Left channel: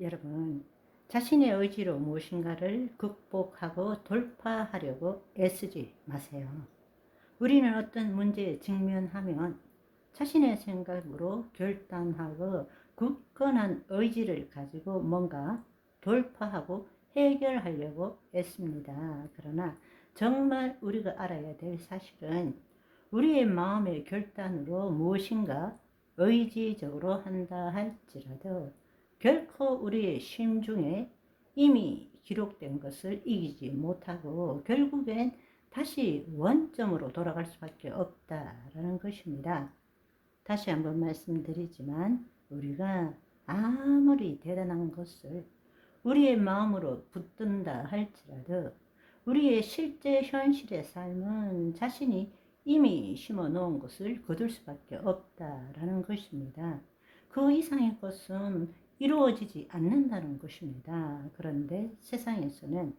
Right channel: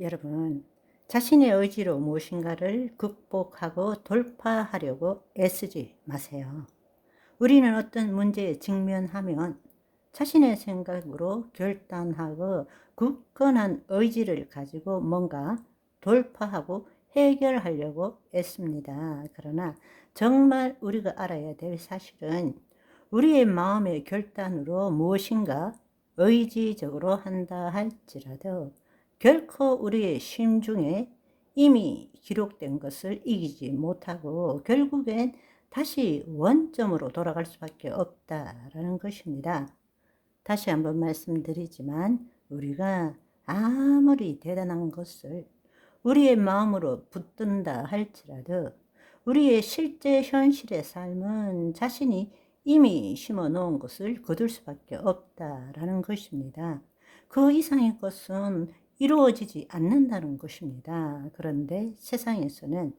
여러분, 자신의 의지로 무엇인가를 극복하고 돌파하려고 애쓰지 마세요. 우리는 어떤 문제에 직면하면 자신의 생각으로 결단하고 굳건한 의지를 가지고 뭔가 돌파하고 해결하려고 애씁니다. 그러나 정말 우리가 알아야 될 사실은 우리의 마음의 결단으로 무엇인가 의지적으로 한다 할지라도 결코 우리의 심중에 이미 기록된 것을 이기지 못하고 결국엔 다시 원점으로 돌아갈 수밖에 없다라는 것입니다. 다시 한번 말씀드리지만 우리가 아무리 대단한 것을 우리의 마음으로 붙든다 할지라도 우리의 실제 현실의 삶은 자신이 이미 심어 놓은 것을 거둘 수밖에 없다라는 것입니다. 그 이상의 것은 이루어지지 않는다는 것입니다. 그런데 세상에서는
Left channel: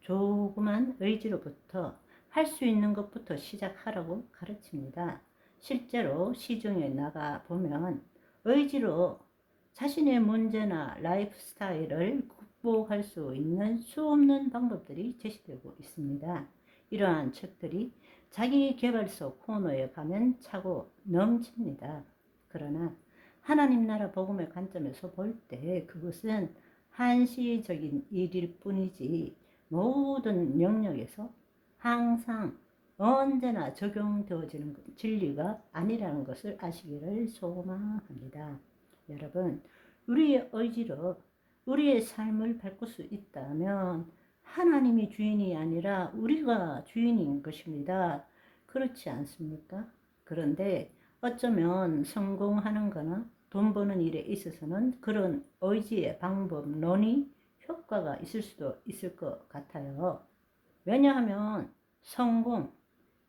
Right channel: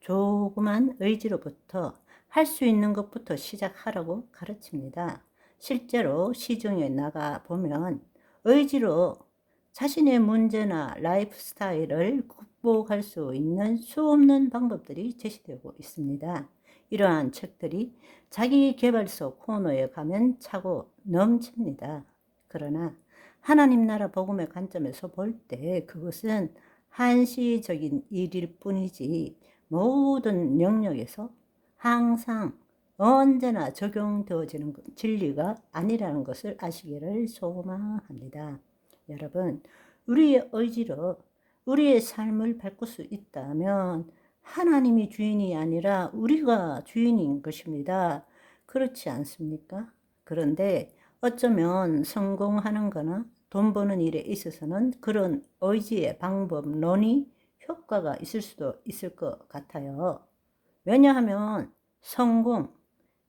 조그만 의지로부터 할 수 있는 것부터 시작하라고 가르칩니다. 실제로 시중에 나가 보면 의지로 자신의 문제나 라이프 스타일을 극복할 수 있는 수없는 방법들이 제시되고 있습니다. 이러한 책들이 자기 개발서 코너에 가면 차고 넘칩니다. 그러나 하나님 나라 복음의 관점에서 볼 때 그것은 한시적인 일일 뿐이지 모든 영역에서 항상 언제나 적용되어지는 진리가 아니라는 것을 아시기를 소망합니다. 여러분, 우리의 의지로 우리의 삶을 바꿀 수 있다면 하나님이 주인이 아니라 우리가 주인인 것입니다. 그렇지 않습니까? 그런데 어쩌면 성공하는 거나 돈 버는 일에 있어서는 그런 의지의 방법론이 효과가 있을 수도 있을 것 같아요. 왜냐하면 성공,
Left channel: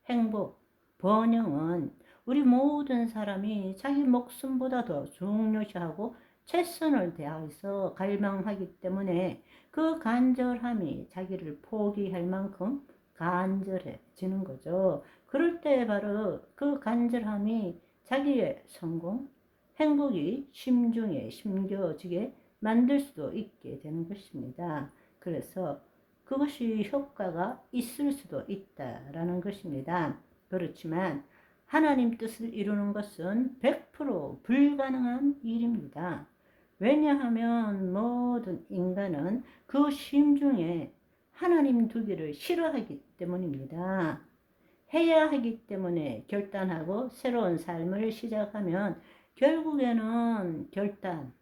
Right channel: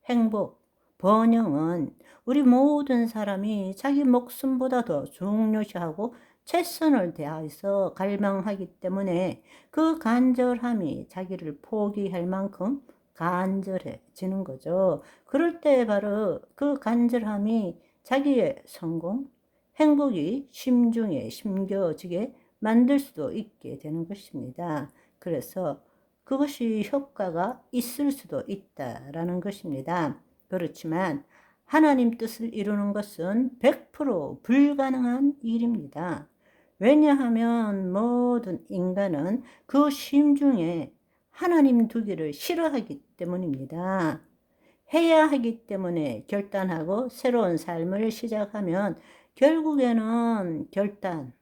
행복, 번영은 우리 모든 사람이 자기 목숨보다 더 중요시하고 최선을 다해서 갈망하기 때문에 그 간절함이 자기를 포기할 만큼 간절해지는 거죠. 그럴 때 바로 그 간절함이 자기의 성공, 행복이 심중에 심겨지게 만들 수도 있게 되는 것입니다. 그래서 그것이 효과가 있을 수도 있다라는 것입니다. 그렇지만 하나님 뜻을 이루는 것은 100% 불가능한 일입니다. 왜냐하면 모든 인간은 그 심중에 하나님 두기를 싫어하기 때문입니다. 해야 하기 때문에 결단하고 새로운 삶을 시작하면 결국에는 결단,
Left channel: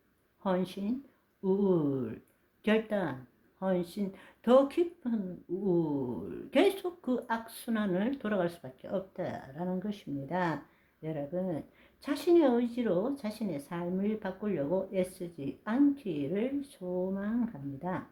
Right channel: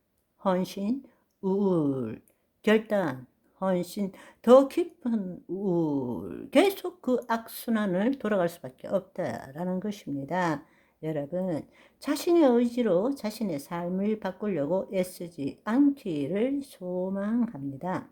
헌신, 우울, 결단, 헌신, 더 깊은 우울, 계속 그 악순환을 돌아갈 수밖에 없다라는 것입니다. 여러분, 자신의 의지로 자신의 삶을 바꾸려고 애쓰지 않기를 소망합니다.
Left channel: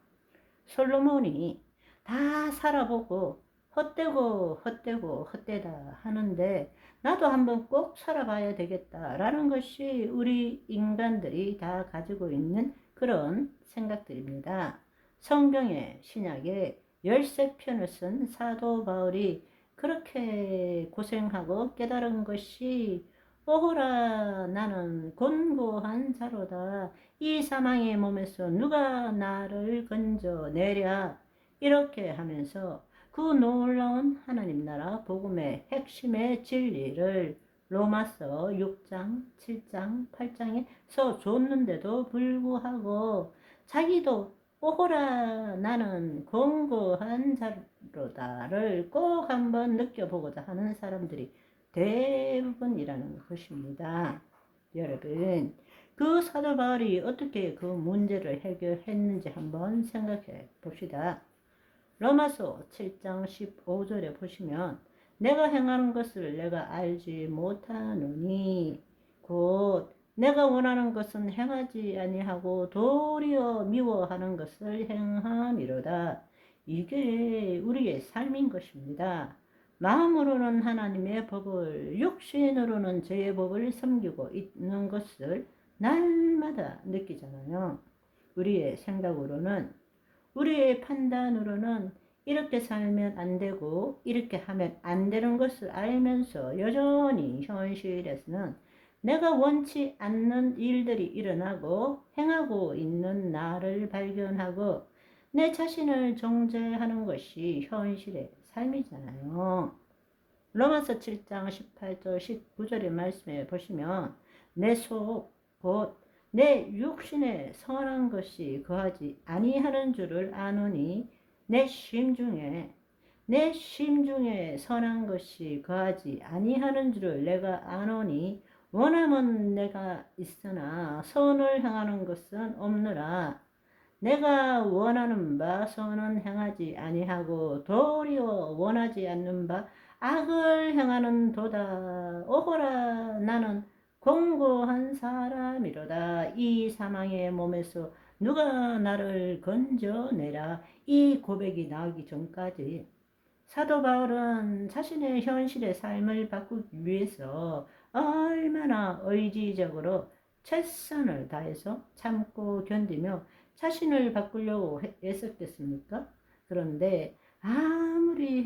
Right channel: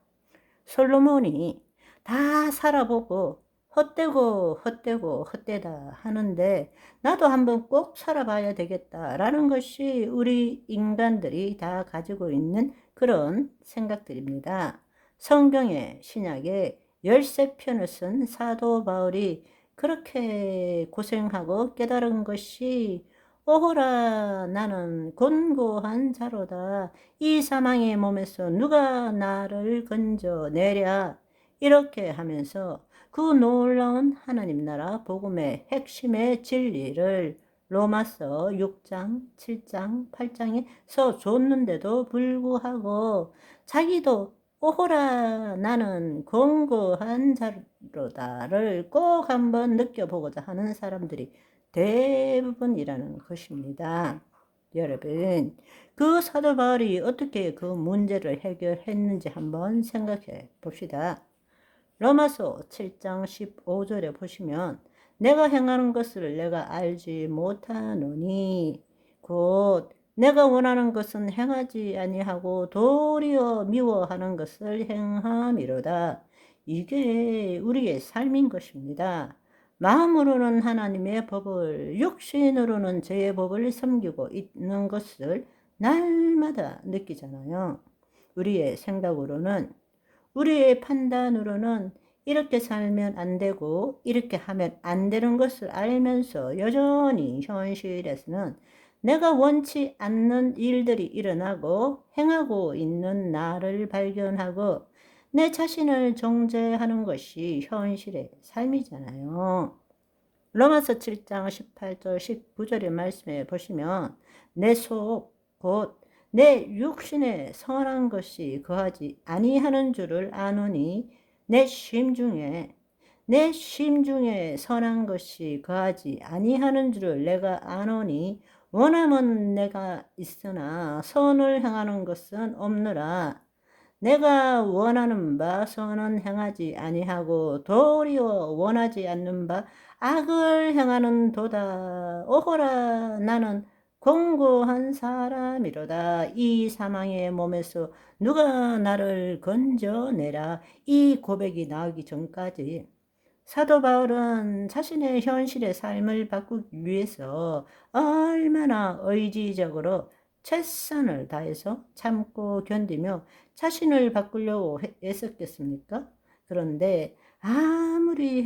솔로몬이 다 살아보고 헛되다 하는데 나도 한번 꼭 살아봐야 되겠다라는 것이 우리 인간들이 다 가지고 있는 그런 생각들입니다. 성경의 신약에 13편을 쓴 사도 바울이 그렇게 고생하고 깨달은 것이 오호라 나는 곤고한 자로다. 이 사망의 몸에서 누가 나를 건져내랴. 이렇게 하면서 그 놀라운 하나님 나라 복음의 핵심의 진리를 로마서 6장, 7장, 8장에서 줬는데도 불구하고 자기도 오호라 나는 곤고한 자로다를 꼭 한번 느껴보고자 하는 사람들이 대부분이라는 것입니다. 여러분, 그 사도 바울이 어떻게 그 문제를 해결했는지 한번 생각해 봅시다. 로마서 7장 15절에 보시면 내가 행하는 것을 내가 알지 못하노니 곧 내가 원하는 것은 행하지 아니하고 도리어 미워하는 것을 행함이로다. 이게 우리의 삶인 것입니다. 마음으로는 하나님의 법을, 육신으로는 죄의 법을 섬기고 있는 것을 날마다 느끼잖아요. 우리의 생각으로는, 우리의 판단으로는 이렇게 살면 안 되고 이렇게 하면 안 되는 것을 알면서 여전히 현실에서는 내가 원치 않는 일들이 일어나고 행하고 있는 나를 발견하고 내 자신을 정죄하는 것이 현실의 삶이잖아요. 로마서 7장 18절 19절의 말씀에 보시면 내 속 곧 내 육신에 선한 것이 거하지 아니하는 줄을 아노니 내 심중에 선한 것이 거하지 아니하는 줄을 내가 아노니 원함은 내가 있으나 선을 행하는 것은 없느라 내가 원하는 바 선은 행하지 아니하고 도리어 원하지 않는 바 악을 행하는 도다. 오호라 나는 공고한 사람이로다. 이 사망의 몸에서 누가 나를 건져내라. 이 고백이 나오기 전까지 사도 바울은 자신의 현실의 삶을 바꾸기 위해서 얼마나 의지적으로 최선을 다해서 참고 견디며 자신을 바꾸려고 애썼겠습니까? 그런데 아무리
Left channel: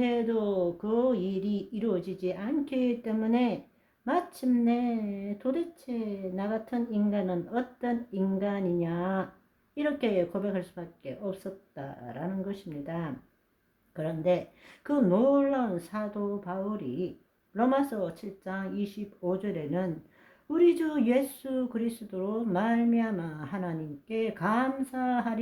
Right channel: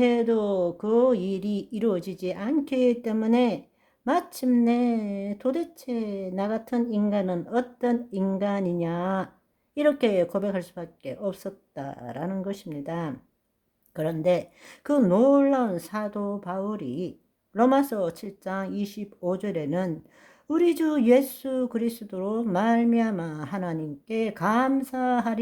해도 그 일이 이루어지지 않기 때문에 마침내 도대체 나 같은 인간은 어떤 인간이냐 이렇게 고백할 수밖에 없었다라는 것입니다. 그런데 그 놀라운 사도 바울이 로마서 7장 25절에는 우리 주 예수 그리스도로 말미암아 하나님께 감사하리로다.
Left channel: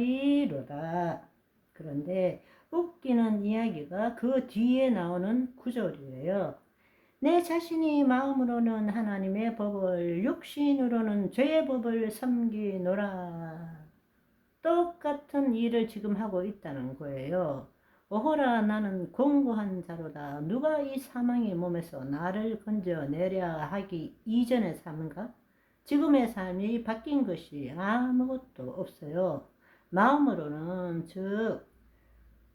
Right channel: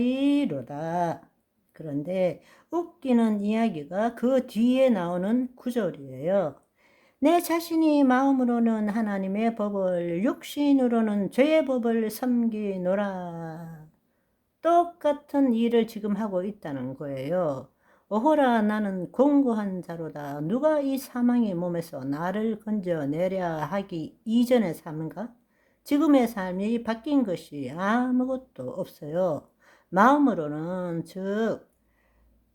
그런데 웃기는 이야기가 그 뒤에 나오는 구절이에요. 내 자신이 마음으로는 하나님의 법을 육신으로는 죄의 법을 섬기노라. 똑같은 일을 지금 하고 있다는 거예요. 오호라 나는 공고한 자로다. 누가 이 사망의 몸에서 나를 건져내랴 하기 이전의 삶과 지금의 삶이 바뀐 것이 아무것도 없어요. 마음으로는 즉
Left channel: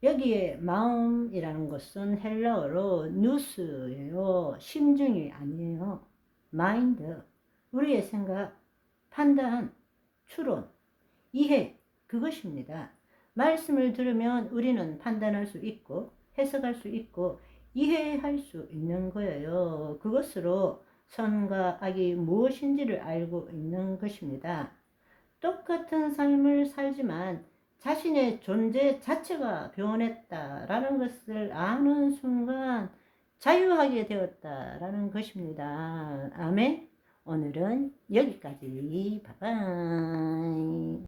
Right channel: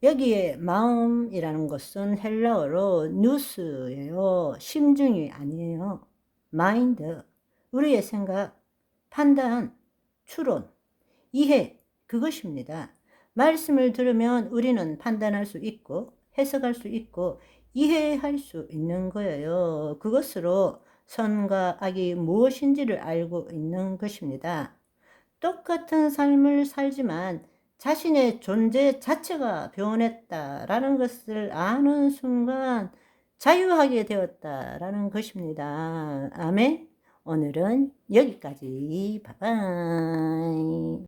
여기에 마음이라는 것은 헬라어로 뉴스예요. 심중이 아니에요. 마인드, 우리의 생각, 판단, 추론, 이해, 그것입니다. 말씀을 들으면 우리는 판단할 수 있고 해석할 수 있고 이해할 수 있는 거예요. 그것으로 선과 악이 무엇인지를 알고 있는 것입니다. 똑같은 삶을 살지만 자신의 존재 자체가 변했다라는 것을 아는 순간 자유하게 되었다라는 것입니다. 아멘. 오늘은 여기까지. 바이바이.